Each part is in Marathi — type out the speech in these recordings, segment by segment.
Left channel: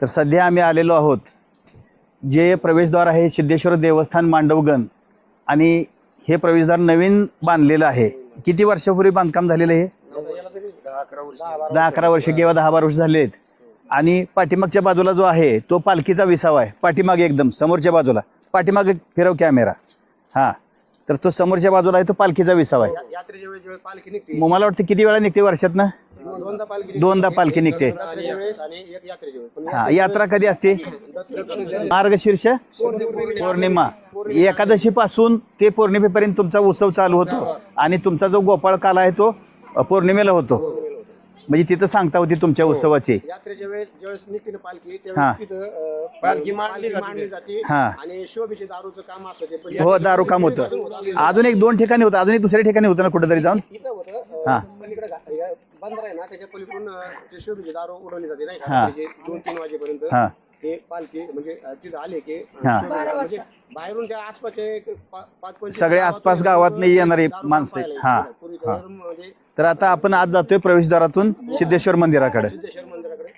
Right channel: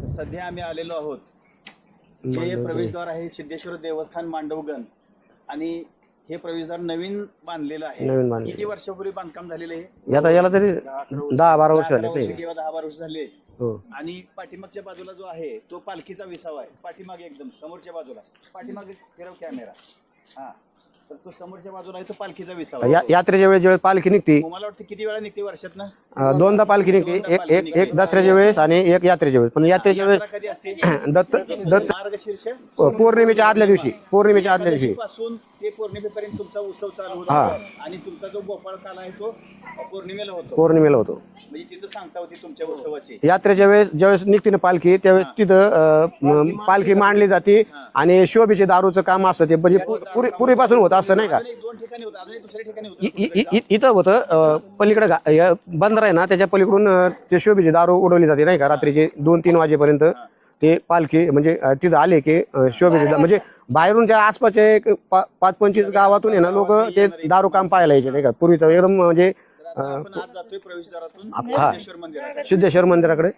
तर सध्या आम्ही आलेलो आहोत. जे प्रवेशद्वार आहे सिद्धेश्वर देवस्थान मांडवगण. आणि हे प्रवेशद्वार नवीन बांधलेलं आहे. किती वर्षापूर्वी बांधकाम झालेलं आहे? आता याला तरी दहा बारा अकरा वर्ष किंवा दहा बारा वर्ष झाले आहेत. हो. आणि पाठीमागच्या बाजूला जो आहे तो पालखीचा विसावा आहे. पाठीमागे एकदम समोरच्या बाजूला. पाठीमागे फिरव कॅमेरा. हा. तर तो समोरच्या बाजूला आहे तो पालखीचा विसावा. या- यात्रेच्या वेळेस ज्यावेळेस पालखी निघते मग मला वाटतं किती वेळा निघते वर्षात ना? अं, दोनदा पालखी निघते. दोनदा एक- पालखी एक- निघते. एक दसऱ्याच्या वेळेस आणि एक यात्रेच्या वेळेस. पण यात्रेच्या यात्रा कधी असते? वेळेस दत्त दत्त मार्गशीर्ष? पौर्णिमेच्या आदल्या पौर्णिमा. दिवशी पौर्णिमेच्या आदल्या एकादशी दिवशी. पासून ते पौर्णिमेपर्यंत तुमचा उत्सव चालू होतो आणि तुमचा जो गोपाळ काल आहे तो अ, पौर्णिमेला होतो. पौर्णिमेला होतो. म्हणजे तिथं सांगता होती तुमच्या उत्सवाची यात्रेच्या वेळेस ज्यावेळेस निघते ना पालखी हा. त्यावेळेस तिथं अं, पालखी मांडली जाते हा. आणि शोभेचे दारूचं काम असतं ते म्हणजे हो दारू काम पूर्वीपासून होत असतं नाही का? अजून एक दोन ठिकाणी होतं अजून एक दुसऱ्या ठिकाणी होतं ना कुठेतरी इ- जाऊन इ- इथं होतं पलीकडे बंदर आहे ना त्याच्या पलीकडून अं, ते शोभेची दारू उडवली जाते नाही का रात्रीचे दोन तीन वाजेपर्यंत हा. ते पालखी म्हणजे अं, तिथं आले की अं, शोभेची दा- म्हणजे बाहेरून त्या आसपासच्या एक पा- पाच पंचवीस सगळ्या गावातून आसपास आहे ना गावातनं लोकं ते येणारी दारू काम माणसं. पाहायला यायचे हा. नाही का पूर्वीचं एकदम म्हणजे तर आता आपण आज जातोय प्रवेशद्वारातून सिद्धेश्वर मंदिराकडे. सिद्धेश्वर मंदिराकडे.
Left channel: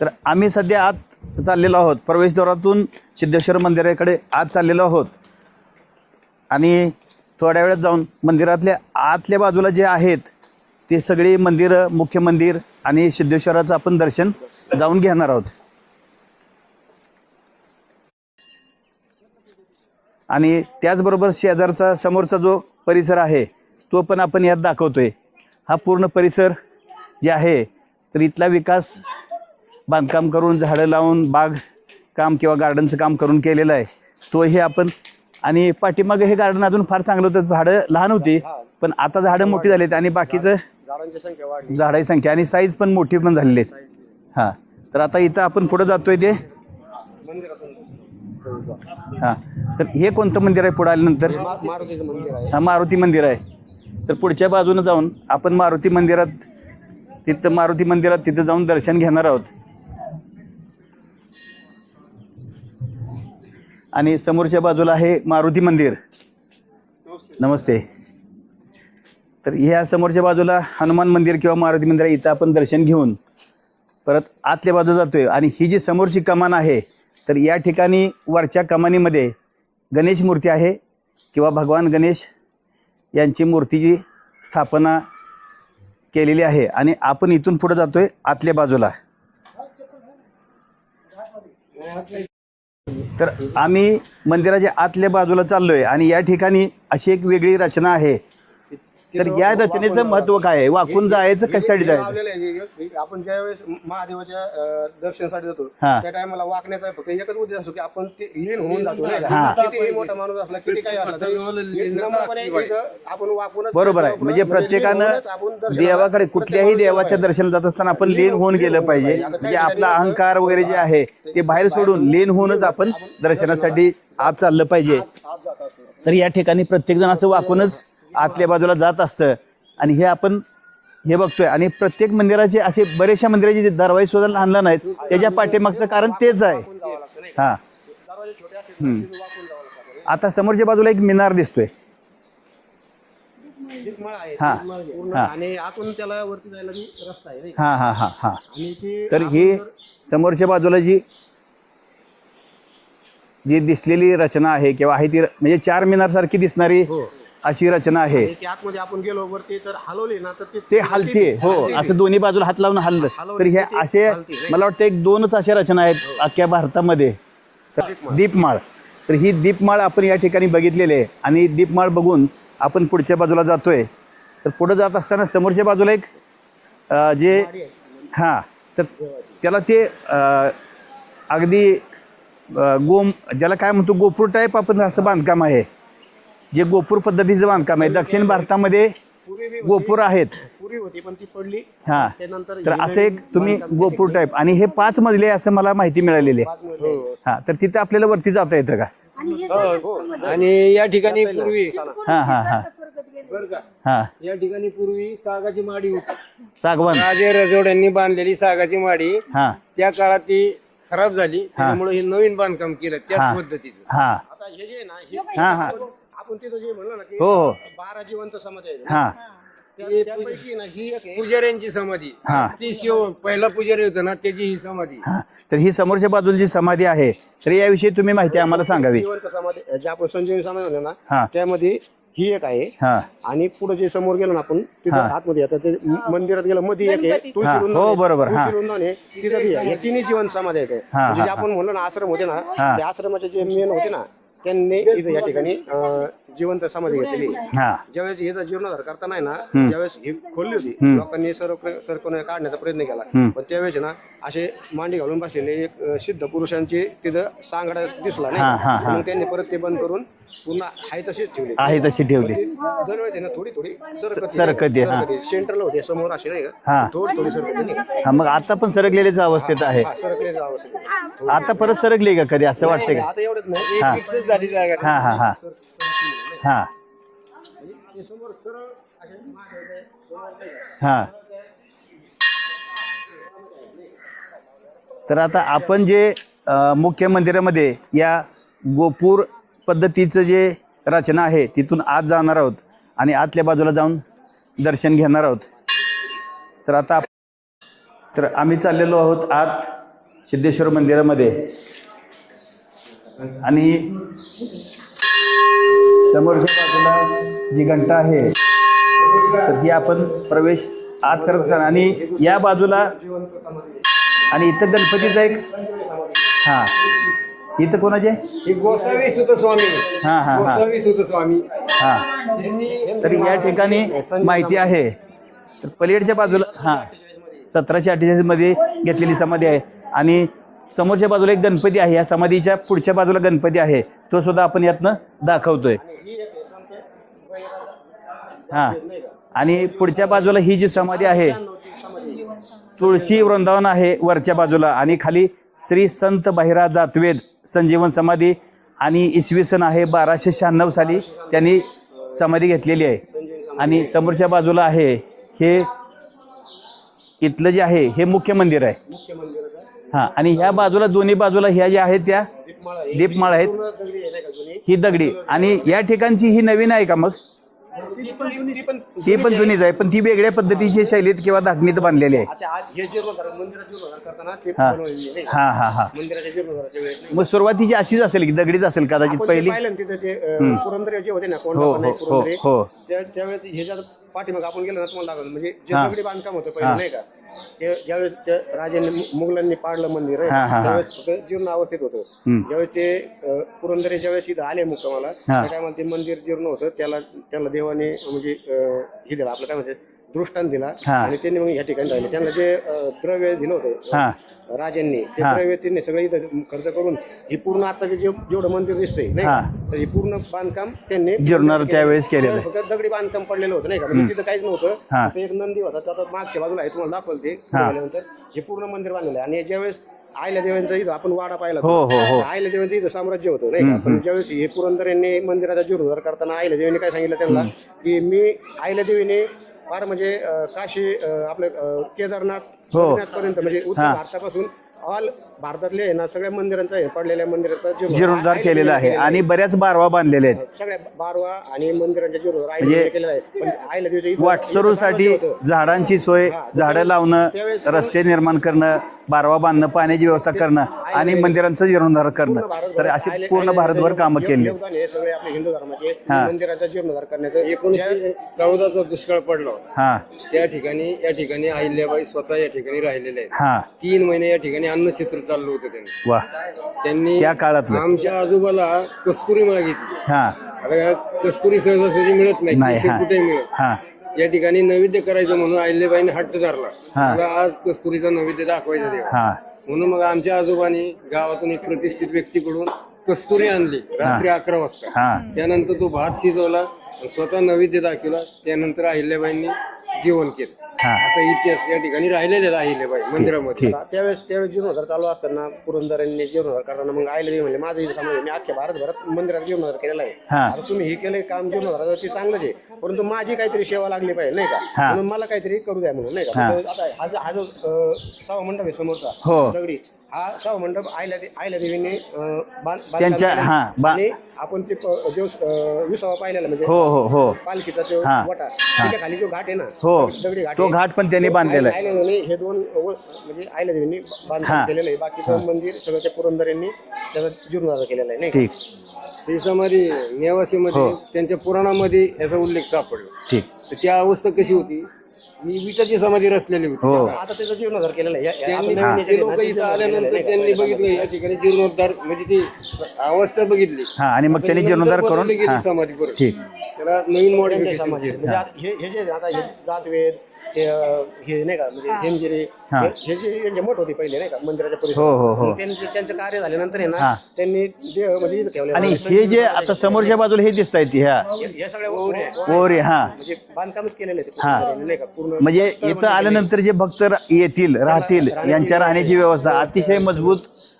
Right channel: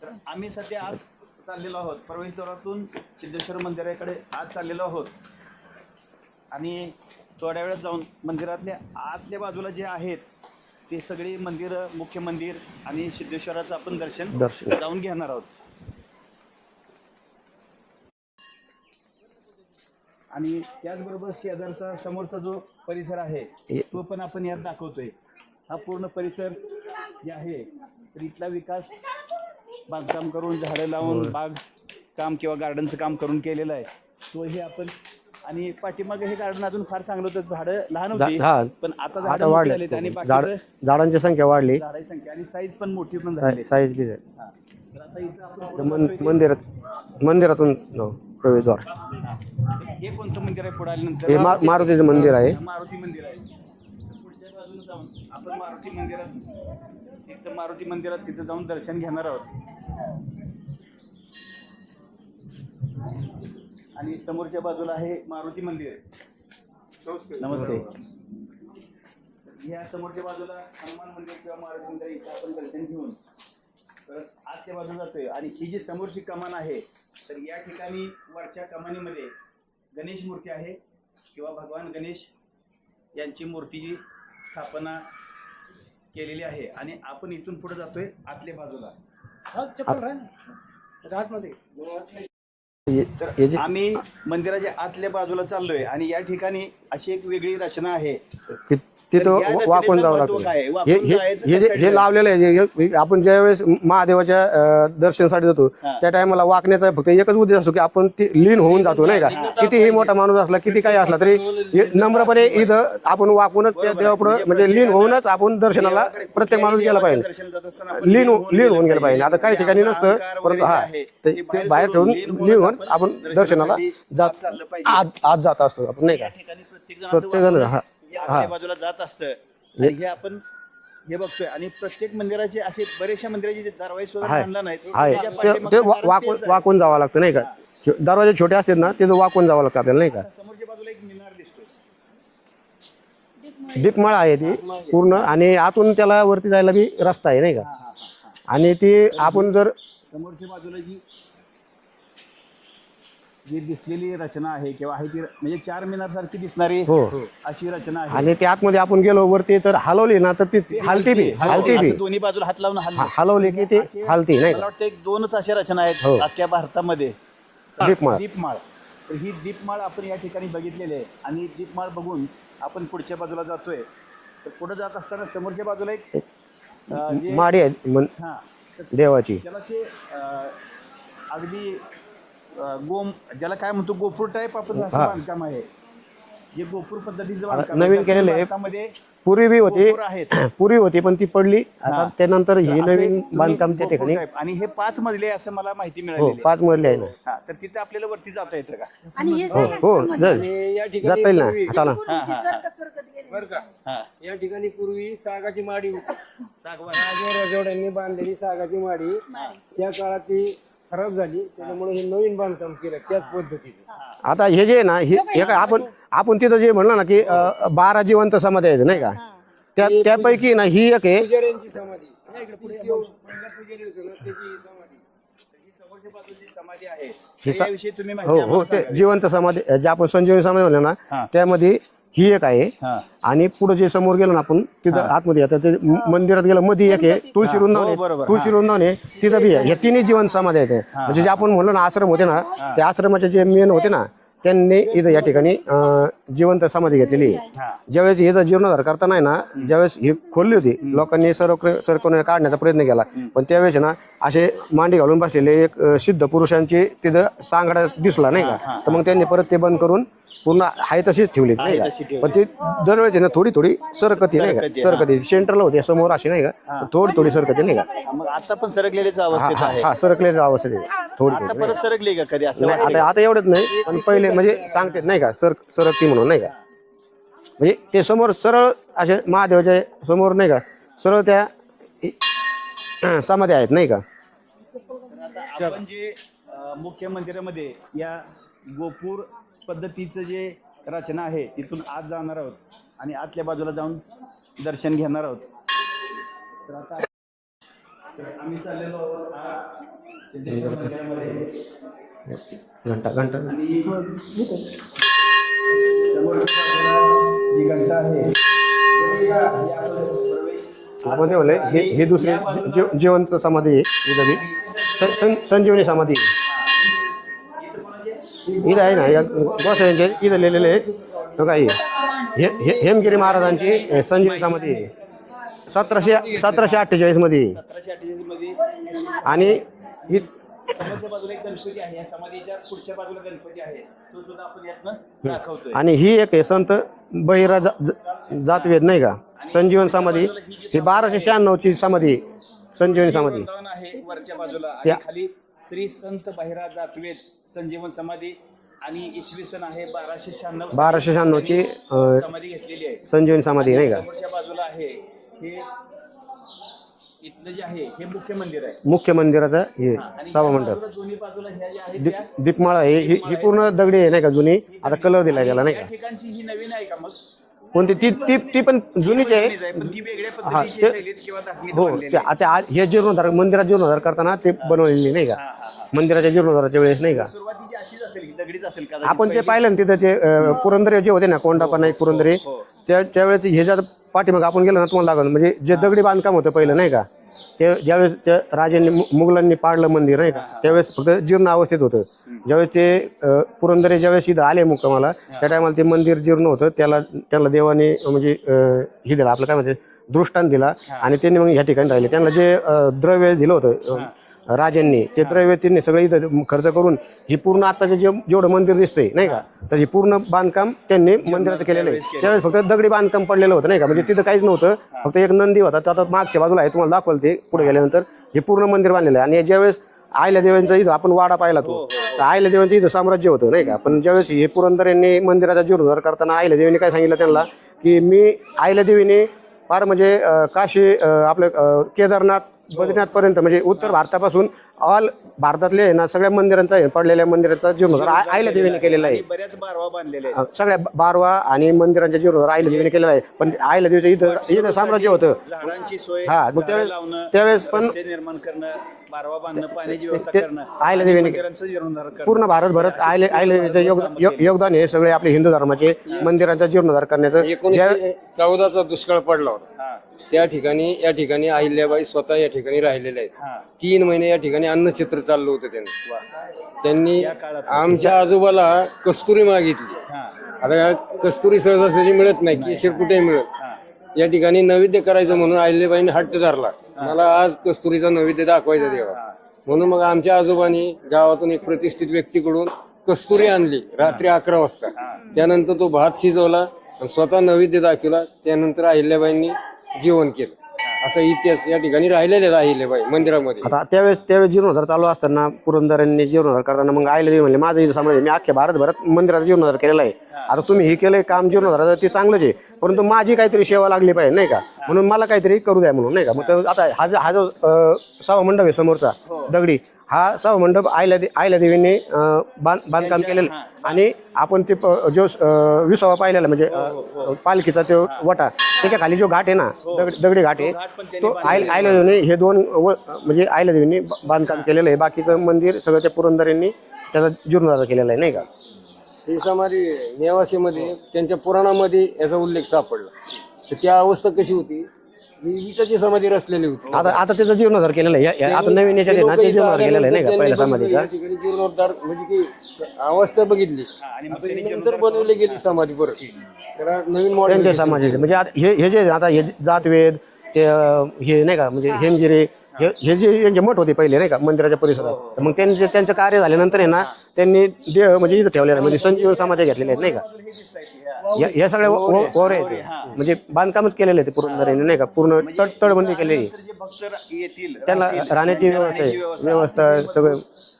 तर आम्ही सध्या आत चाललेलो आहोत. प्रवेशद्वारातून सिद्धेश्वर मंदिराकडे आज चाललेलो आहोत. आणि थोड्या वेळात जाऊन मंदिरातल्या आतल्या बाजूला जे आहेत ते सगळी मंदिरं मुख्य मंदिर आणि सिद्धेश्वराचं आपण दर्शन. जाऊन घेणार आहोत. आणि त्याचबरोबर शेजारचा समोरचा जो परिसर आहे तो पण आपण यात दाखवतोय. हा पूर्ण परिसर जे आहे तर इथला विकास बांधकाम करून झाडं लावून बाग काम किंवा गार्डनचं काम करून केलेलं आहे. तोही आपण आणि पाठीमागे हे गार्डन अजून फार चांगलं होतं. झाडं लहान होती. पण आता झाडं मोठी. झालीत आणि बाकीचं झाड- झाडांची संख्या वाढली. झाडाची संख्या आणि साईज पण मोठी पण झालेली साईज. हा. तर आता इथं आपण पुढे जातोय ते? मंदिरात मंदिरातून हो, प्रवेशद्वार हा. तर हे कोणतं मंदिर आहे पुढे आल्यानंतर? हे मा- मारुतीचं मंदिर आहे. हा मारुती मंदिर आहे. तर पुढच्या बाजूने जाऊन आपण मारुती मंदिरात तिथं मारुती मंदिरात तिथं जाऊन दर्शन घेणार आहोत. आणि समोरच्या बाजूला आहे मारुती मंदिर. नमस्ते. तर ह्या समोरच्या बाजूला हनुमान मंदिर किंवा मारुती मंदिर आहे इथं आपण दर्शन घेऊन परत आतल्या बाजू जातोय. आणि ही जी समोरची कमान आहे तर या ठिकाणी वरच्या कमानीमध्ये गणेश मूर्ती आहे किंवा भगवान गणेश यांची मूर्तीची स्थापना केलेली आहे. आणि आपण इथून पुढे जातोय आतल्या बाजूला. तर आम्ही मंदिराच्या आतल्या बाजूला चाललोय आणि या ठिकाणी अशी एक वेगळी रचना आहे कि- तर या रचनेचं महत्त्व. काय आहे? वाकून जायचं जे- कशासाठी जायचं? लावलेलं आहे हे- हे- आपण ज्या वेळेस महादेवाच्या अं, दर्शनासाठी जातो हा. त्या टायमाला वाकण्याचा फक्त एकच उद्देश असतो की आपण ती लीन होऊन जातो नाही का कितीही मोठा माणूस असला किती काही असला तरी हे नम्रपणे इथं आपण वाकूनच बरोबर आहे. देवापुढं म्हणजे म्हणजे लीन प्रत्येकानं होऊनच आपण दर्शनाला देवाकडे प्रत्येक कुठल्याही माणूस गेला देवाच्या पाहिजे. दर्शनाला जात असताना आपण लीन लीन होऊन गेलं पाहिजे आता काही जे ठिकाणी आपला नसतं. अहंकार वगैरे जे हा. आहे ते- ते बाहेर बाहेर सोडून ठेवून लीन होऊनच लीन होऊन आपण आपण दर्शनासाठी दर्शनाला आत चाललं पाहिजे आज आज जात असतो आपण तर या ठिकाणी प्रत्येक जण असं वाकूनच हा. आतल्या बाजूला जात असतं. आणि हे आपण हे बघतोय. आणि प्रत्येक मंदिराचे असे बरेचशा मंदिराचे जे दरवाजे सुद्धा आहेत. आहे. त्याच्या पाठीमागचं कारण वाकून- तेच आहे. वाकून जावं लागतं नाही का? हा. छो- दरवाजे छोटे असतात ना त्याचं वाकून जावं लागतं आपल्याला नाही आता समोरच्या बाजूला एक मिनार दिसतोय. का? दीपमाळ आहे ती पूर्ण आणि आतून त्याला वरती जायला बी रस्ता आहे नाही का? हा हा हा हा. आणि ती तर आपण ही जर समोरच्या बाजूला जी जी दिसलेली रचना आहे किंवा आहे ती म्हणजे चार मिनार सारखी दिसणारी अशी रचना आहे. आणि ते आतमध्ये आपण गेलो वरती तर हलवली ना तर ती ते हलती ती. हो, हलती ती. असं दोन्ही बाजूला हात लावून हल्ल. हलवली तर हे की ती असे हलती, नाही? मला वाटतं एक दोनच अशा रचना आहेत अख्ख्या भारतामध्ये. तर दीपमाळ. दीपमाळ. तर ही दीपमाळ आपण या ठिकाणी बघितलेली आहे. आणि दीपमाळ बघून आपण पुढच्या बाजूला जातोय. तर पुढे जात असताना समोरच्या बाजूला एक अं, जे माडी आहे मन- हा तर देवाची. त्याला ते अं, अगदी गोम ज्याला काय म्हणतो गोपूर टाईप आपण असं बांधकाम आहे. जे गोपूर पद्धतीचं बांधकाम आहे. नवीन दक्षिण केलेलं आहे. भारतामध्ये पूर्वी बी होती. गोपूर आहेत. पूर्वी होती पण ती पडली. हा. त्यानंतर तर ही असे नवीन तुम्ही बांधकाम गोपूर टाईप आणि हे पाच मजले आहे असं मला माहिती मिळालेली आहे. पाच मजले आहे हा तर तिथं आपल्याला वरती जाता येतं का? आणि हे सगळं हो जर- आणि या ठिकाणी जाता येईल पूर्वी ना चला हा हा हा. सरकत गेले. बरं का? हा. या ठिकाणी पूर्वी सागाची माडी होती. सागवान. राजे रजोड्यांनी बांधलेली सागाची माडी. हा. त्या काळात ती खराब झाली त्यामुळे हे नवीन बांधकाम केलं त्याच पद्धतीचं. हा. आता हे जे आहे ना हे हे आपण आपण तिथं जे म्हणलं ना की अं, बारा जिवंत समाधी आहेत नाही का? त्या त्यापैकी ना ही एक आहे. पुजाऱ्यांची समाधी. हा. ती शिव पहिला पुजारी होता ना त्याची ही समाधी. हा. तर ही समोरच्या बाजूला जी समाधी आहे तर याविषयी तुम्ही माहिती हो, आम्हाला हो, ते सांगावी. जिवंत समाधी जे आपण संजीवनी समाधी म्हणलं हा. ना त्यामध्ये ही एक आहे. हा. आणि पुढे जे समोर गेलो ना आपण तिथं आतमध्ये आता ते म- मंदिरात गेलं मध्ये एक आहे तुळशी हा. वृंदावन हो, आहे. बरोबर. हा. तुळशी वृंदावन आहे. तिथं बी आहे. या तिन्ही जीवन समाधी आहेत. हा, म्हणजे जे आपण म्हणलो ना आश्रम होते ना त्या आश्रमाचे जे मेन होते ना त्यांनी इथं या ठिकाणी अं, जिवंत समाधी घेतलेली आहे. हा. ज्यावेळेस हे जीर्णोद्धार करताना आहे ना त्यावेळेस ही खोलली होती लोकांनी सर्व सरकवण्या काढण्याचा प्रयत्न केला. पण त्यावेळेस आहे ना असे मांडी घालून बसलेले एक अं, सिद्ध पुरुषांची तिथं सांगडा दिसला नाही का? मग त्यांनी परत ते बंद करून पूर्ण आहे तशीच ठेवली. आहे तशी ठेवली. दरवेळेस ना थोडी थोडी सरकती नाही सरकती, का हा. सरकती सेंटरला होती समोर अशी नाही हा. का? थोडी थोडी सरकती नाही का? हा मग आता पण सरकलेलीच अवस्थेत आहे. हा अवस्थेत आहे. थोडी आता परत सरकली का कधी असं वाटतं आता आता एवढंच नाही. पहिले म्हणजे सांगतात नाही का? सर सरकती म्हणून नाही का? हा. म्हणजे ते समोर सरळ असे महादेवाच्या समोर नाही हा. का सरळ त्या इ- समाधी आहेत नाही का? तर आता आपण जे अ, मुख्य मंदिरामध्ये या गोपूर पद्धतीचं जे रचना आहे तिथून आत जाणार आहोत आणि आतल्या बाजूला जाऊन दर्शन घेणार आहोत तर आता तर आम्ही चाललेलो आहोत आत सिद्धेश्वर मंदिरामध्ये घंटा घंटा आणि समोरच्या बाजूला जी घंटा आहे तर ही आपण प्रवेश आत करत आणि हे या बाजूला जिवंत समाधी आहे. आणि इथं गणपतीचं एक संजीवनी समाधी आहे. हा इथं कोणाचे माहिती आहे. सतराशे पलीकडच्या बाजूला- सतराशे हा. अठ्ठेचाळीसमध्ये. सतराशे अठ्ठेचाळीसमध्ये घेतलेली समाधी आहे. आणि समोरच्या बाजूला एक गणपती आहे. या समाधीच्या पुढच्या बाजूला गणपती आहे. तो सुद्धा आपण यातनं दाखवतोय. आणि ही एक संत बहिरा जा- जा- जातवेद नाही का? आणि पुढच्या. बाजूला ही जी समाधी आहे. समाधी संजीवन तुळशी समाधी. वृंदावन आहे वरच्या बाजूला आणि खाली श्री संत बहिरा जातवेद संजीवन समाधी आणि इसवी सन आहे बाराशे शहाण्णव साली 1296 त्यांनी अं, समाधी घेतलेली आहे. संजीवन समाधी आणि नाही का? समोरच्या बाजूला आहे हे इथलं जे आहे हे मुख्य मंदिर आहे. मुख्य मंदिराचा हे हा आणि ह्या बाजूला दोन्ही बाजूला ह्या ज्या आहेत त्या दीपमाळा ही- दीपमाळा ही. पूर्ण दगडी आहे नाही का जुनी? ही दगडी. कलर आणि या ठिकाणची ही नवीन आहे का मग? कोणती ती ती ती पण ही जुनीच पण आहे. जुनीच आहे पण ती वेगळ्या पद्धतीची ते- शैलीत किंवा धाटणीत बांधलेली आहे. आता आज हे जीर्णोद्धार मंदिरात जीर्णोद्धार करताना ते बनवलेली नाही का? हा हा हा. मंदिराच्या जीर्णोद्धाराच्या वेळेस नाही मग का सुरुवातीची अशीच असेल की दगडीच असेल कदाचित आपण ते पहिली? पाहिलं ना तिथं ते अं, पुरंदरे जे होते ना कोंडापा नाईक हो, पुरंदरे हो. त्या त्यावेळेस हे जर पाठीमाग आपण गेलो ना तुम्हाला लागलं म्हणजे जे दगडी बांधकाम होतं पहिलं नाही का ते ज्यावेळेस त्या राजांनी मु- मुघलांनी पाडलं मंदिर नाही हा, हा, का हा. त्यावेळेस फक्त जीर्ण अवस्थेत होतं. ज्यावेळेस ते अं, पुरंदरे ज्यावेळेस इथं आले मुक्कामाला त्या टायमाला ते मंदिर जीर्ण होतं. त्याला त्याला देवाने म्हणजे अं, हे दिलं आपलं काय म्हणते दृष्टांत दिला हा. आणि त्यांनी मग ह्या ठिकाणी राहिले. त्यांना जे अं, द्रव्य दिलं होतं हा. राजांनी ते द्रव्य त्यांनी सगळं इथं खर्च करून हे पूर्ण आता जे जेवढं मंदिर दिसतंय नाही का? तर हे पूर्ण बांधकाम त्यांनी जीर्णोद्धार मंदिरात केलेलं आहे. त्यावेळेस केलेलं त्यावेळेस फक्त दगडी बांधकाम पडलेलं होतं नाही का? म्हणजे तिथं काहीच नव्हतं. फक्त एक नंदी होता तो आता मागच्या बाजूला आहे तुम्हाला दाखवलं ते पुढे गेल्यानंतर. हे पूर्ण मंदिर बांधलेलं आहे. आणि ज्यावेळेस आयल्या देवांचं इथं आपण वाडा पाहिला तो. हो, हो, हो. तर आयल्या देवांचं इथं साम्राज्य होतं नाही का? पण ज्यावेळेस हे पुरंदर यांनी मंदिराचा जीर्णोद्धार करताना आयल्या देवीने काय सांगितलं त्यांना की मी आयल्या देवीने फार म्हणजे काशी आपलं केदारनाथ बद्रीनाथ पर्यंत म्हणजे उत्तर भारतापासून ऑल भारतातले आहे ना सगळ्या मंदिरांचा हे पडलेल्या मंदिराचा जीर्णोद्धार केलेला आहे आणि बऱ्याच बारवा बांधलेले आहेत. सगळ्या बारवा आणि मंदिरांच्या जीर्णोद्धार आयल्या देवीने केलेला आहे. पण वाटसरूसाठी साम्राज्य होतं झाडांची सोय हा, मग झाडं लावणं त्यावेळेस पण- रस्ते निर्माण करणं बारवा बांधणं पाण्याची व्यवस्था करणं आणि मंदिरांचं जीर्णोद्धार करणं. पूर्ण भारतभरात तर अशी आयले- पूर्ण आयले- भारतभर योग- कामं योग- केली. योगदान हे सगळे आपले हिंदू धर्माचे मंदिराचा जीर्णोद्धार करण्याचं ज्या- एकोणीसशे चौदाचा दुष्काळ पडला होता. हा. त्या ठिकाणी या ठिकाणी अहिल्याबाई स्वतः या ठिकाणी राहिलेल्या आहेत. हा. तीन महिने या ठिकाणी अन्नचित्र चाललं होतं त्यांचं. वा. त्यांनी त्या काळातलं. आमच्या आजोबाला कस्तुरी मागितली. हा. आता कस्तुरी सहजासहजी मिळत नाही हा. कुठे मिळत हा. या ठिकाणी नैवेद्य करायचं म्हणून अहिल्याबाईने हट्ट धरला. मला आज कस्तुरीचा नैवेद्य दाखवायचा देवा. हा. म्हणून मग आमच्या आजोबांनी गावातून एक प्रतिष्ठित व्यक्तीकडून कस्तुरी आणली. रात्री अकरा वाजता. हा. त्यानंतर तो भात शिजवला आणि स्वतः नैवेद्य दाखवला. त्यानंतर अहिल्याबाईंनी जेवण केलं. हा. असा इतिहास या ठिकाणी राहिलेला आहे अहिल्याबाई मंदिरामध्ये. आता त्यावेळेस त्यावेळेस जीर्णोद्धार चालू असताना पुरंदरांनी जीर्णोद्धार करताना मग आयला देवी म्हणले माझं समज मी अख्ख्या भारतभरात मंदिरात जीर्णोद्धार केलेला आहे. हा. आता तुम्ही हे केलंय काम जीर्णोद्धाराचं ते चांगलंच आहे. परंतु माझी काहीतरी सेवा लागली पाहिजे नाही का? म्हणून मला काहीतरी करू द्या म्हणून नाही का? मग आता हा जो हा जो अं, मंडप आहे समोरचा हो. दगडी हा सभामंडप आयल्या दे- आयल्या देवींनी अं, बांध- बांधकाम त्यांच्या- केलेलं. हा, बा- आणि आपण ते प- जो अं, विसावा पाहिलेला म्हणजे हो हो हो पालखीचा तो हा. वटा त्याच्याखाली जो घाट आहे ना हो. दगड- दगडी घाट तो आहे, घाट पण त्यांनी तो बांधलेला आय- आहे. आयल्या देवीने हे दोन व- म्हणजे आयल्या देवींनी ब- हा. बांधकाम केलेलं आहे बाकीचं मंदिर सगळं त्या पुरंदरांनी त्याचा जीर्णोद्धार केलेला आहे नाही का? ठीक ही नेवासीमध्ये त्यांच्या पुराणामध्ये याचा उल्लेख सापडला ठीक तर त्या अवस्था कशी होती ही विटाची समाधी रचलेली होती. हो. आता आता त्याचा जीर्णोद्धार केलेला आहे. या- या- आता नवीन याच्यात आहे ना ते जीर्णोद्धार केलेलं आहे नाही का? पहिल्या समाधीचा? या ठिकाणी जीर्णोद्धार म्हणजे ती अवस्था बघितली. हा आणि मग त्यांनी जीर्णोद्धार करून बदलली गेली हा. समाधी परत. ठीक. त्याला नवीन त्यांच्या मॉडेल समाजाचे म्हणजे आता हे हे जे आता हे जातवेद ते अं, हे नाही का म्हणजे हेमगिरे हा. जे यांचे मठ होते पहिले नाही का मंदिराच्या हो, हो, परिसरात हो. मग त्यांचे त्यांचं कार्य झाल्यानंतर आहे ना हा. त्यांनी देह म्हणजे इथं ठेवलेलं आणि म्हणजे हे जे आता समोरच्या बाजूला हे दिसत आहेत ह्या? या- सगळ्या हा म्हणजे बांधकामच केलेलं आहे ते पूर्ण नाही का पूर्ण म्हणजे तळ- तळबंदी इथं केलेली आहे. आल्यानंतर जे भक्त रा- येतील राहतील राहण्याची यांच्या राहण्याची. व्यवस्था व्यवस्था अतिशय सगळं. मजबूत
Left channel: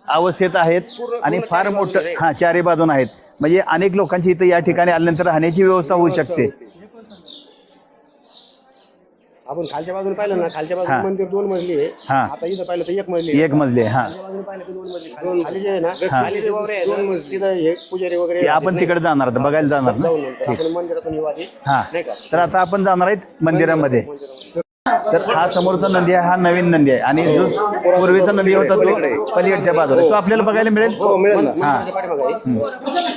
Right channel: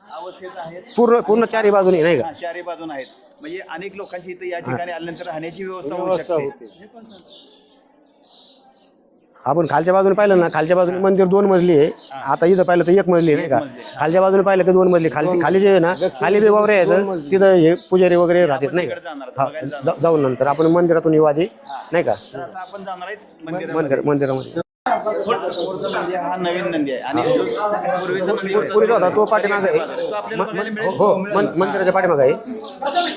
अवस्थेत आहेत पूर्ण- आणि पूर्ण फार चारी बाजूने मोठं- नाही का? हा चारी बाजून आहेत म्हणजे अनेक लोकांची इथं या ठिकाणी आल्यानंतर राहण्याची व्यवस्था होऊ शकते आपण खालच्या बाजूने पाहिलं ना खालच्या बाजूने. मंदिर दोन मजली आहे हा. आता इथं पाहिलं तर एक मजली आहे, एक का? मजली आहे, हा. खालच्या बाजूने पाहिलं तर दोन मजली खाली खाली जे आहे ना खाली जे वावरे आहेत तिथं हे पुजारी वगैरे ते आपण तिकडे जाणार आता बघायला जाणार का? जाऊन नंतर आपण मंदिरातून येऊ आधी हा नाही का तर आता आपण जाणार आहेत मंदिरामध्ये मंदिरामध्ये तर हा समोरचा नदी आहे हा नवीन नदी आहे. आणि जो पूर्वीचा नदी होता तो पलीकडच्या बाजूला तो आपल्याला बघायला मिळेल मन- मंदिराच्या पाठीमागे आहे.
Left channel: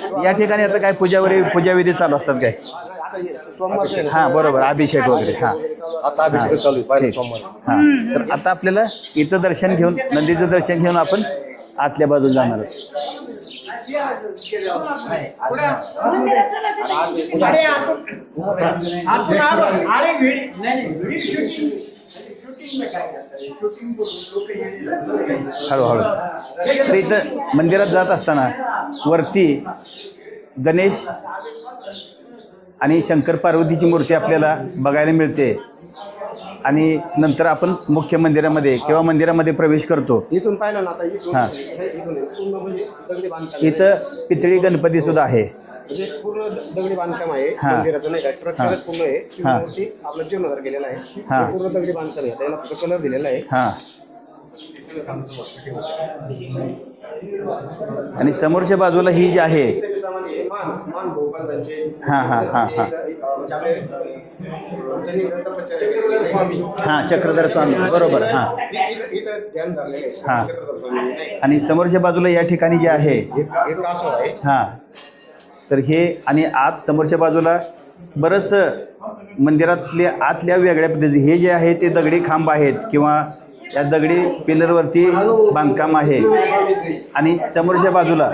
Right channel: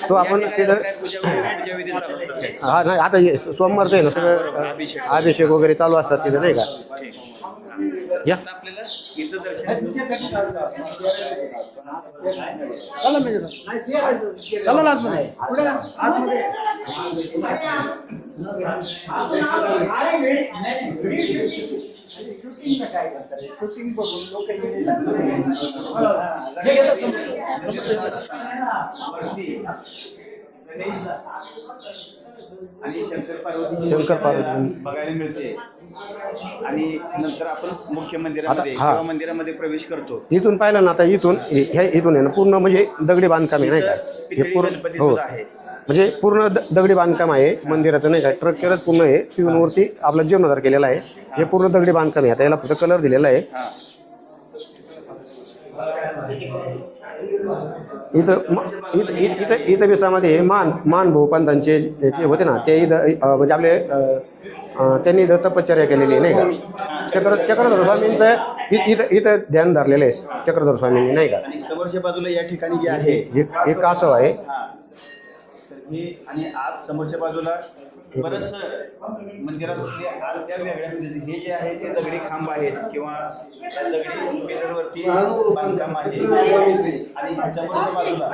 तो या आपण ठिकाणी आता काय पूजा वगैरे पूजा विधी चालू असतात काय? हा नाही आता हे सोमवारचं आहे ना हा सगळं? बरोबर. अभिषेक वगैरे. अभिषेक हा. वगैरे चालू असतात. अभिषेक. चालू हा. तर आता आपल्याला इथं दर्शन घेऊन नदीचं दर्शन घेऊन आपण आतल्या बाजूला जाणार. हळूहळू. तर इथं मंदिरात जात असताना वरती गणेश आणि शंकर पार्वतीची मूर्ती आपल्याला बघायला मिळते. आणि नंतर आपण मुख्य मंदिरामध्ये किंवा मंदिरामध्ये प्रवेश करतो. इथून पाहिलं ना आता इथून हा. हे इथून आहे ना पूर्ण म्हणजे दगडी बांधकाम आहे, नाही इथं का? पितळी गणपती सुद्धा आहे. म्हणजे पूर्ण द- दगडी बांधकाम आहे हा. मंदिराचं नाही का? स्ट्रक्चरच पूर्ण आहे. ती हा. मूर्ती आपला जीर्णोद्धार केलेला आहे. हा. हे पूर्ण दगडी बांधकाम आहे. आता याला फक्त कलर दिलेला आहे. हा. आणि समोरच्या बाजूला ही जी आहे इथं- आहे मान मान भाऊ पंतांचे जे हा, होते ना ते. इथं अं, म्हणजे आपले अं, त्यांनी इथं तपश्चर्या केलेली नाही का हा चक्रधर चक्रधर स्वामी चक्रधर स्वामी बरोबर हा. इथं- इथं इथं ध्यान धरलेलं हा. आहे चक्रधर स्वामींनी नाही का आणि समोरच्या बाजूला या ठिकाणी जे आहे एक एक असं आहे हा तर हे आणि आत समोरच्या बाजूला बरंच मंदिरातले आतल्या वेगळ्या पद्धती हे जे आहे ते दगडी खांब आहेत किंवा त्या दगडी पिलरवरती बांधकाम आहे. आणि समोरच्या बाजूला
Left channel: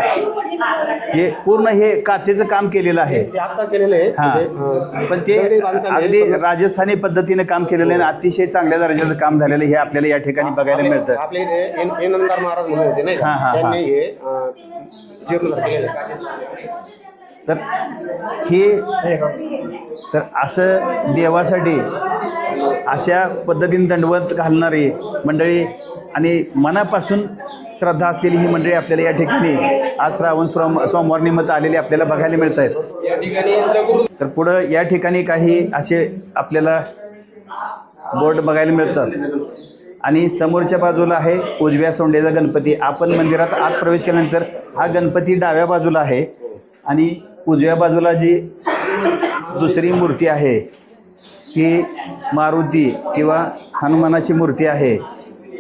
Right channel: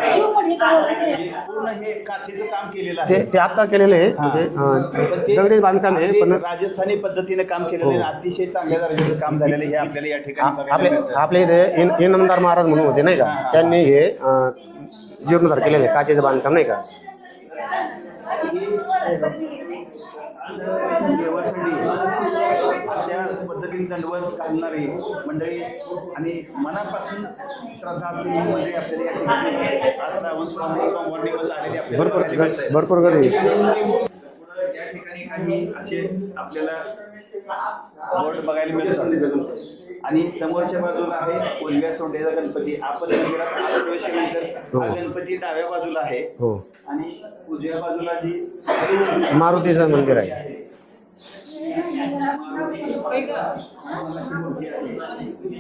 जे पूर्ण हे काचेचं काम केलेलं आहे. ते आता केलेलं आहे. म्हणजे, पण ते बांधकाम राजस्थानी पद्धतीने काम केलेलं आहे अतिशय चांगल्या दर्जाचं काम झालेलं हे आपल्याला या ठिकाणी बघायला मिळतं. आपले इथे महाराज म्हणून होते नाही. त्यांनी हे. जीर्णोद्धार केलेलं आहे काचेचं बांधकाम नाही का? तर हे तर असं देवासाठी अशा पद्धतीने दंडवत घालणारी मंडळी आणि मनापासून श्रद्धा असलेली ही मंडळी आपल्याला या ठिकाणी आज श्रावण सोम सोमवार निमित्त आलेली आपल्याला बघायला मिळत आहेत भरपूर तर पुढं या ठिकाणी काही असे आपल्याला बोर्ड बघायला मिळतात. आणि समोरच्या बाजूला आहे उजव्या सोंडेचा गणपती. आपण मंदिरात आत प्रवेश केल्यानंतर हा गणपती डाव्या बाजूला आहे. हो. आणि उजव्या बाजूला जी मंदिर मूर्ती आहे. आहे ती मारुती किंवा हनुमानाची मूर्ती आहे.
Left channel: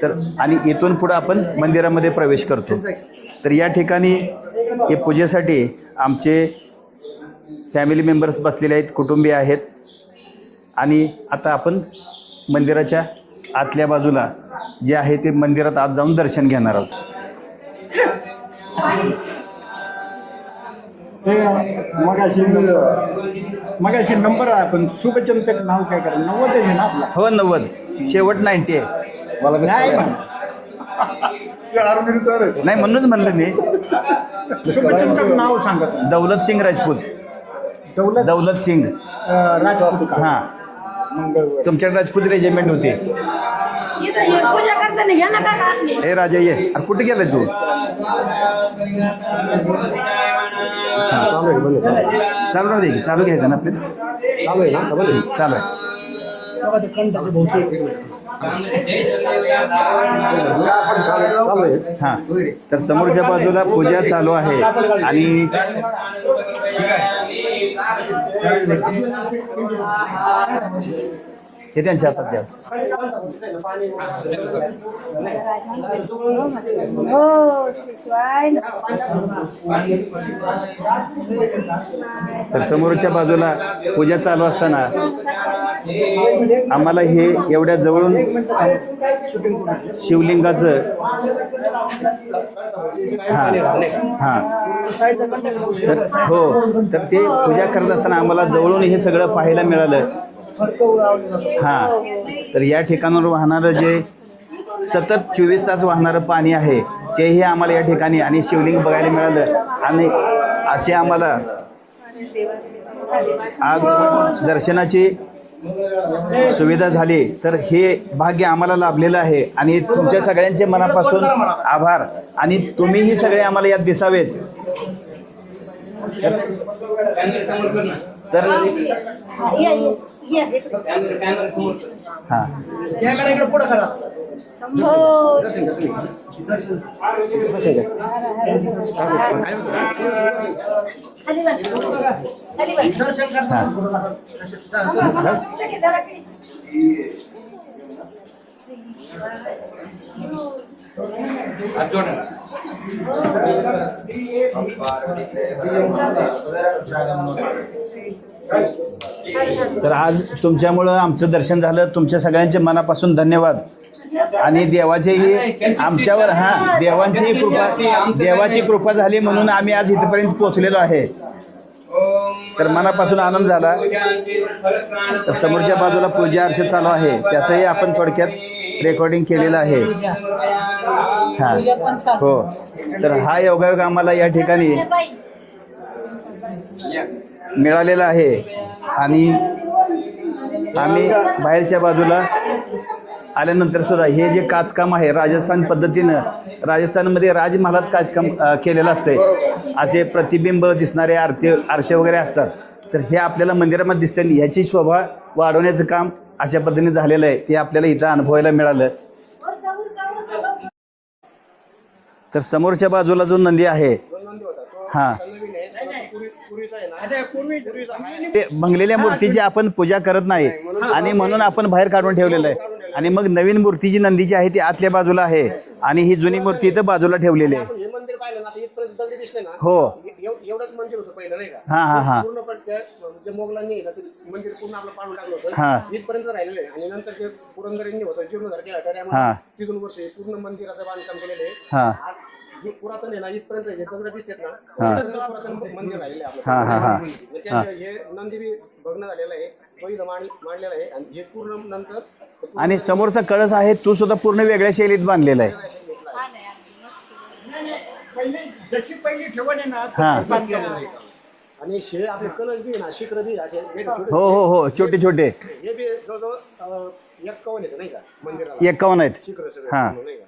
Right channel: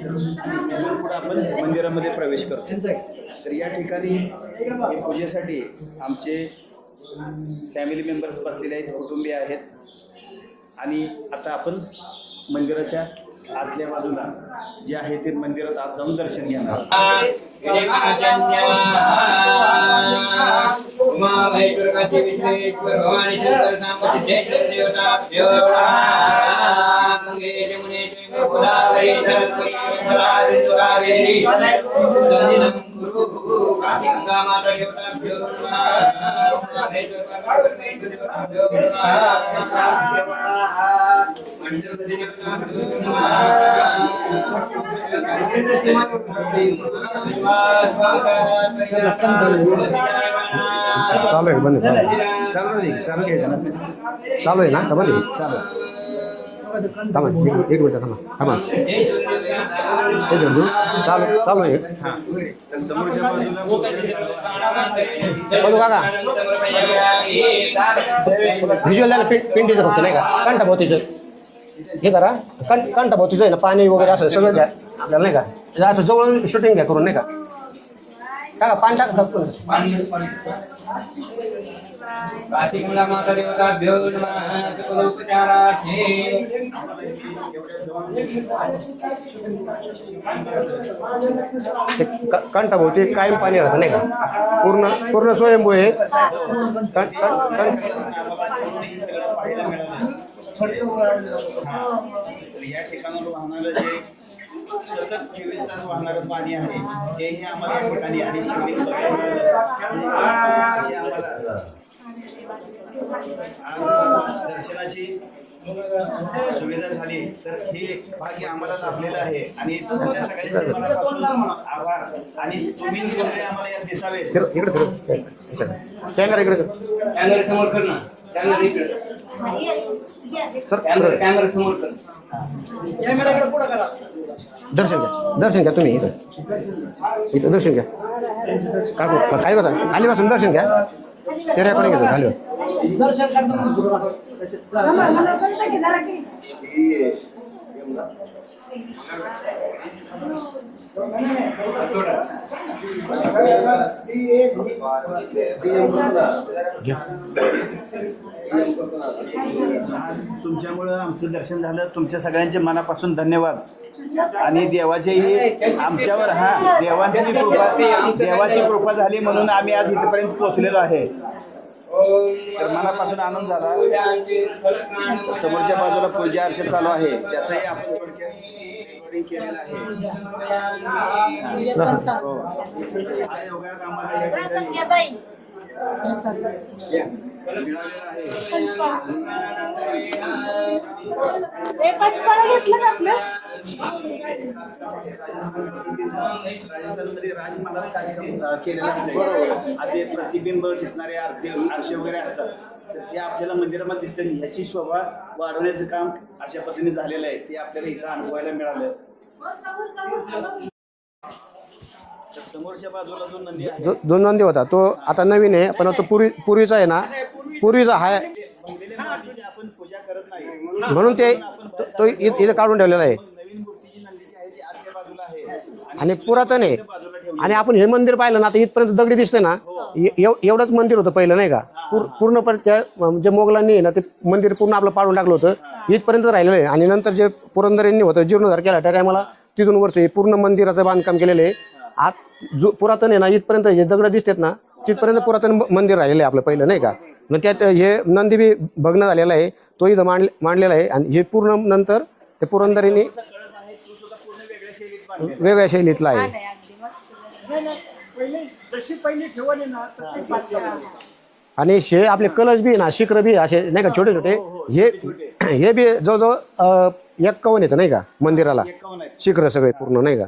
तर आणि इथून पुढं आपण मंदिरामध्ये प्रवेश करतो. तर या ठिकाणी हे पूजेसाठी आमचे फॅमिली मेंबर्स बसलेले आहेत कुटुंबीय आहेत. आणि आता आपण मंदिराच्या आतल्या बाजूला जे आहे ते मंदिरात आत जाऊन दर्शन घेणार आहोत. हो नव्वद शेवट नाईन्टी नाही. म्हणूनच म्हणलं मी. नाव सांगा. दौलत सिंग राजपूत. दौलत? सिंग. हां. तुमच्याकडे राजपूत रेजिमेंट होती. ए राजा ये. कुठे गेला तू? चालू आहे बंद. चालू राहू दे चालू घ्यायचं ना आपल्याला चालू आहे ना? बंद? चालू आहे एक मिनिट. चालू आहे. हा. तर समोरच्या बाजूला पूजा चालू आहे. आणि व्हिज्युअल पिंडीचं फक्त नाही का? हे हे त्यांच्या करा भोवतीचं आहे ना पाणी वगैरे असं सगळं घ्या आपल्याला नाही का? हे असं जवळ शूटिंग घ्या करून नाही का? हो पाणी टाक. समोरच्या बाजूला पूजा चालू असताना आम्हाला हे एवढ्या जवळून शिवलिंगाचं ते क- कंठ भोवती काय पाणी राहतं नाही का? हा. पूर्ण पूर्ण स्वयंभू आहे. हो तर ते पूजा करत असताना आम्हाला जवळून हे सगळं पाहायला मिळालं. हा. तर या ठिकाणावर वाहणारं जे सतत चोवीस तास वाहणारं पाणी आहे तेही आम्हाला या ठिकाणी आणि शिवलिंग बघायला मिळालं. आणि असे आम्हाला आज दर्शनाची सुविधा झाली तर हे भाग्य आम्हाला लाभलेलं आहे. आणि तुमच्या सगळ्यांचे मनापासून आभार. आणि तुम्हीही सगळे आम्हाला यात दिसावेत. तर हा दर्शन दर्शन घ्या तुम्ही इथं. इथं दर्शन घ्या. काय बसा. खाली बसून दर्शन घ्या. ते रेकॉर्डिंग घेतो. खाली. तर आज तुमच्यामुळं आमचं दर्शन झालं. तुमच्या सगळ्यांचे मनापासून धन्यवाद. आणि देवाचेही आमच्यावर हा देवांचीही कृपा देवाची कृपा झाली म्हणून आम्ही आज इथपर्यंत पोहोचलेलो आहे. तर मनापासून आनंद झाला. तर समोरच्या बाजूला पूजा अर्च चालू आहे. त्याचंही आपण थोडक्यात रेकॉर्डिंग केलेलं आहे. हा हो. तर हा योगायोग आम्हाला या ठिकाणी मिळालेला आहे. आणि आम्ही बाहेरच्या बाजूला आल्यानंतर सुद्धा हे जे काचकाम आहे राजस्थान पद्धतीनं राजस्थानमध्ये राजमहालात काचकाम केलेलं असतंय. असे प्रतिबिंब दिसणारे आरती आरसे वगैरे असतात. तर हे आपल्याला मंदिरामध्ये दिसते ह्याची शोभा वाढवण्याचं काम अशा पद्धतीने झालेलं आहे. ते आपल्याला इथं अनुभवायला मिळालं. तर समोरच्या बाजूला जो नंदी आहे दोन नंदी होता तो हा. आता नवीन आहे पण तो पूर्वी पूर्वीचा आहे ना पूर्वीचा हा ते भंगलेल्या मूर्तीची आपण पूजा करत नाही आणि म्हणून ते- म्हणून आपण बाहेर काढून इथे- ठेवलेलं इथे काढून ठेवलेलं आणि आहे. मग नवीन मूर्ती जी नंदीची आहे ती आतल्या बाजूला आहे आणि ही जुनी पुरातन मूर्ती आहे. इथं बाजूला ठेवलेली आणि आहे आपण हे मंदिर पाहिलं ना आता इथपर्यंत दगडी दिसते ना हो. ए- एव- एवढंच मंदिर होतं पहिलं नाही का हा, हा, हा. पूर्ण पर- त्या म्हणजे मोगलांनी आहे ना ते मंदिर पूर्ण आपलं पाडून टाकलं हा. होतं इथपर्यंत राहिलेलं आहे आणि नंतर जे पुरंदर यांनी होतं जीर्णोद्धार केला त्या हा. तिथून वरचं हे पूर्ण मंदिराचं बांधकाम केलेलं आहे. हा. आत जो पुरातन आहे ना इथपर्यंत जे दगड दिसतात ना तिथपर्यंत पुरातन मंदिर राहिलेलं आहे आपलं पहिलं नाही का? मग त्यात हे. नंदी बी भग्न झालेला आहे तो इथं मांड मांडलेला आहे आणि हे पूर्ण नंतर ते आणि पुरंदर यांनी समोरचा कळस आहे तो सुद्धा पूर्ण वेगळ्या शैलीत बांधलेला आहे. वेगळ्या शैलीतला आहे. हा आणि शे आपले कलश बी ना शिखर बी असे नाही का छोटे हो हो हो हे- छोटे छोटे. हे बी जवळजवळ अं, एक्कावन्न येतं नाही का मंदिराला. एकावन्न आहेत. शिखर सगळे हा. पूर्ण नाही का?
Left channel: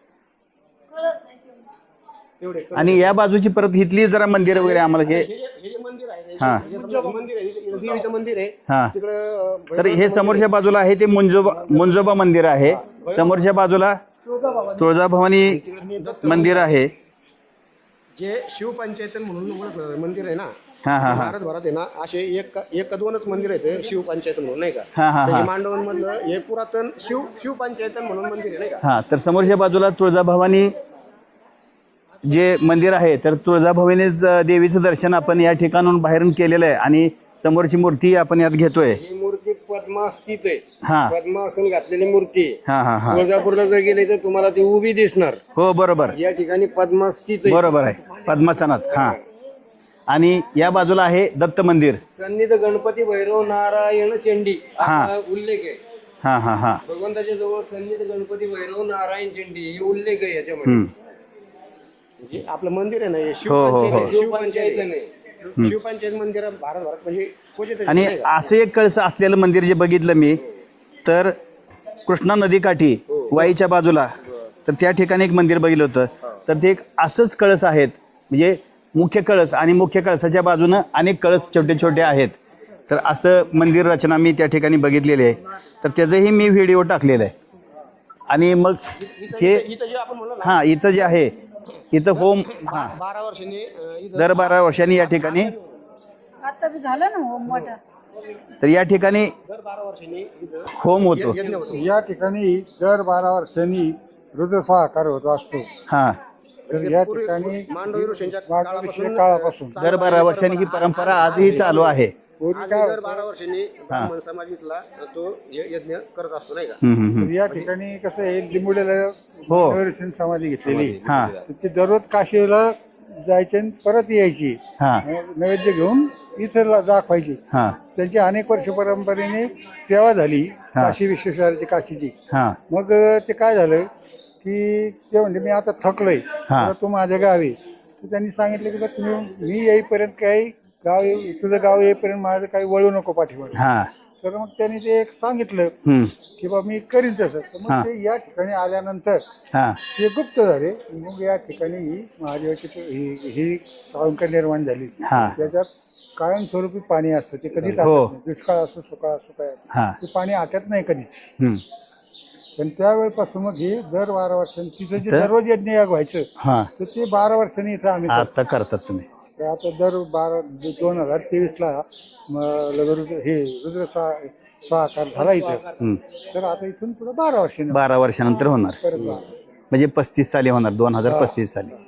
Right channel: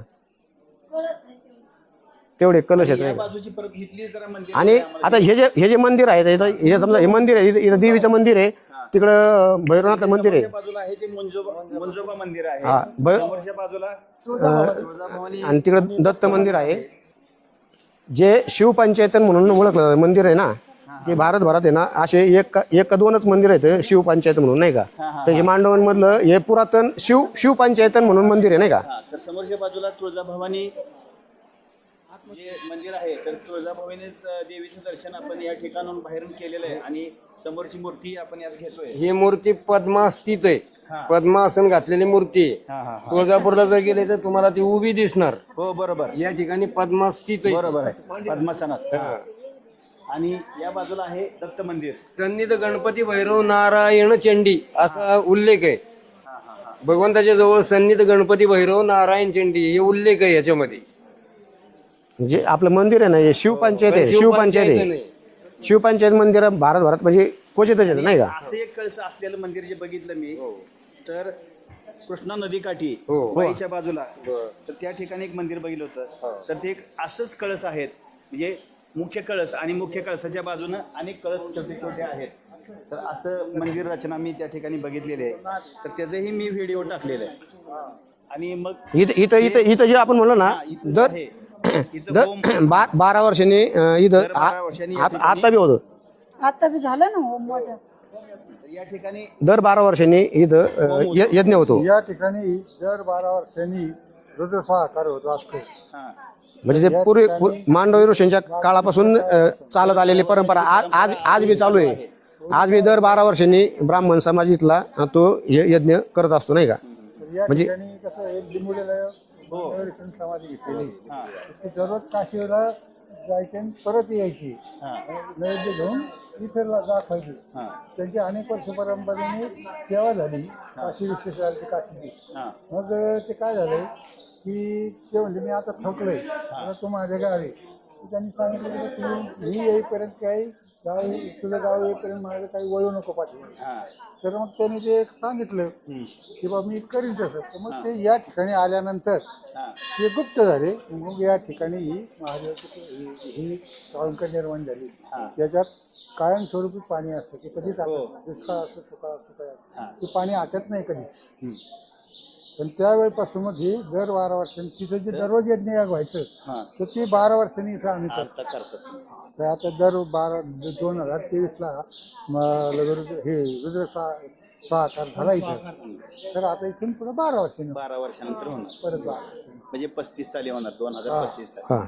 तेवढे कलश आणि. या बाजूची परत इथली जरा मंदिर आणि वगैरे आम्हाला आता घे- हे जे हे जे मंदिर आहे इथं- हे. समजा हे मंदिर आहे इथं- इथं देवीचं मंदिर आहे. हा. तिकडं तर हे मंदिर समोरच्या आहे. बाजूला आहे ते मुंजोबा मुंजोबा मंदिर आहे. हा, समोरच्या बाजूला तुळजाभवानी. आणि तिकडं दत्त मंदिर आहे. जे शिवपंचायतन म्हणून ओळखलं जातं मंदिर आहे ना? हे भारतभरात आहे ना असे एक एक दोनच मंदिर आहेत शिवपंचायत म्हणून नाही का? हा, तर हे. मांडवन मधलं हे पुरातन शिव शिवपंचायतन म्हणून मंदिर आहे नाही का? हा तर समोरच्या बाजूला तुळजाभवानी जे मंदिर आहे तर तुळजाभवानीच देवीचं दर्शन आपण या ठिकाणून बाहेरून केलेलं आहे आणि समोरची मूर्ती आपण यात घेतोय. ही मूर्ती पद्मास्थित आहे. हा. पद्मासन घातलेली मूर्ती. हा हा हा. तुळजापूरला जर गेले तर तुम्हाला ती उभी दिसणार. हो बरोबर. या ठिकाणी पद्मास्थित आहे. बरोबर आहे. पद्मासनात हा. आणि या बाजूला आहे दत्त मंदिर. सन्निध गणपती भैरव नारायण चंडी असा उल्लेख आहे. हा हा हा. भगवंताच्या जवळ सन्निध गणपती भैरव नारायण चंडी हे उल्लेख आहे याच्यामध्ये. जे आपलं मंदिर आहे ना हे शिवपंचायत आहे. शिवपंचायत आहे. नाही. शिवपंचायत मंदिर भारतभरात म्हणजे क्वचितच आणि नाही का? असं एक कळस असलेलं मंदिर जे बघितलं मी तर कृष्णा नदीकाठी वाईच्या बाजूला तर त्या ठिकाणी एक मंदिर बघितलं होतं. तर ते एक असंच कळस आहेत. म्हणजे मुख्य कळस आणि मुख्य कळसाच्या बाजूनं अनेक कळस छोटे छोटे आहेत. तर असं मंदिर रचना मी त्या ठिकाणी बघितलेली आहे. तर त्याचंही मी व्हिडिओ टाकलेला आहे. आणि मग इथं इथं इथं इथं जे आपण म्हणलो ना हा इथं जे आहे इथं होम बा- बारा वर्षांनी अं, इथं दर बारा वर्षांनी या आत- ठिकाणी- आता बी होतं. आता बी झालं ना हो मोठं तर या ठिकाणी दर बारा वर्षांनी इथं अं, होम होतो. य- यज्ञ होतो. या ठिकाणी दर बारा वर्षांनी ऋतुस्वाकार होतो असतो. हा. म्हणजे ते पूर्वी मांडवी ऋषींच्या काळापासून चालत आलेली परंपरा आज- आज- बी चालू आहे. आज बी दर बारा वर्षांनी ब्राह्मण समाज इथला तो य- यज्ञ करत असतो नाही का? ठिकाणी कसं आहे हो. समाधी घेतलेली. हा. ते दररोज काशीला जायचे आणि परत यायची. हा. नैवेद्य घेऊन इथं दाखवायची. हा. त्यांची अनेक वर्ष परंपरेने सेवा झाली काशी विश्वेश्वराची काशीची. हा. मग ते काय झालं? की ते म्हणजे मी आता थकलोय. हा. आता तू माझ्या गावी तर त्यांनी सांगितलं की बघ, मी मी येईपर्यंत काही गाव तुझं गाव येईपर्यंत माझं काही वळू नको पाठीवर हा. तर मग त्यांनी ते एक सांगितलं हम्म. की बा मी करीन तसं. तर हा. मग ते या ठिकाणी आल्यानंतर हा. ते गुप्त झाले. मग या ठिकाणी ही महादेवाची पु- ही ही कळंक निर्माण झाली. हा. त्याच्यात कायमस्वरूपी पाणी असतं. ते कधीच हो. आटत नाही. दुष्काळ असो सुकाळ असो काय असो. हा. ते पाणी आटत नाही कधीच. हम्म. पण त्यावेळेपासून मग हे दर बारा वर्षांनी तिथे जे दररोज यज्ञ याग व्हायचं हा. तर ते बारा वर्षांनी इथं आम्ही करतो. आता करतात तुम्ही. ते आता दर बारा द- दोन हजार तेवीसला रुद्र हे रुद्र सहा सहाकार झाला इथं. तर आता इथून पुढे बारा वर्षांनी बारा वर्षानंतर होणार. परत बारा. वर्षांनी. म्हणजे पस्तीस साली होणार दोन हजार पस्तीस साली. हा.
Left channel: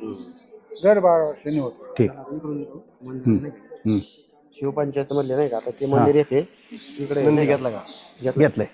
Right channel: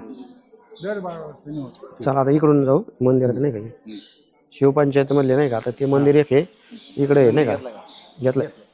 दर बारा वर्षांनी होतो. चला आता इकडून जाऊ. मंदिरात नाही का. शिवपंचायत मधले नाही का? आता ते मंदिर एक आहे. इकडे आहे, नाही का? घेतलं. घेतलंय.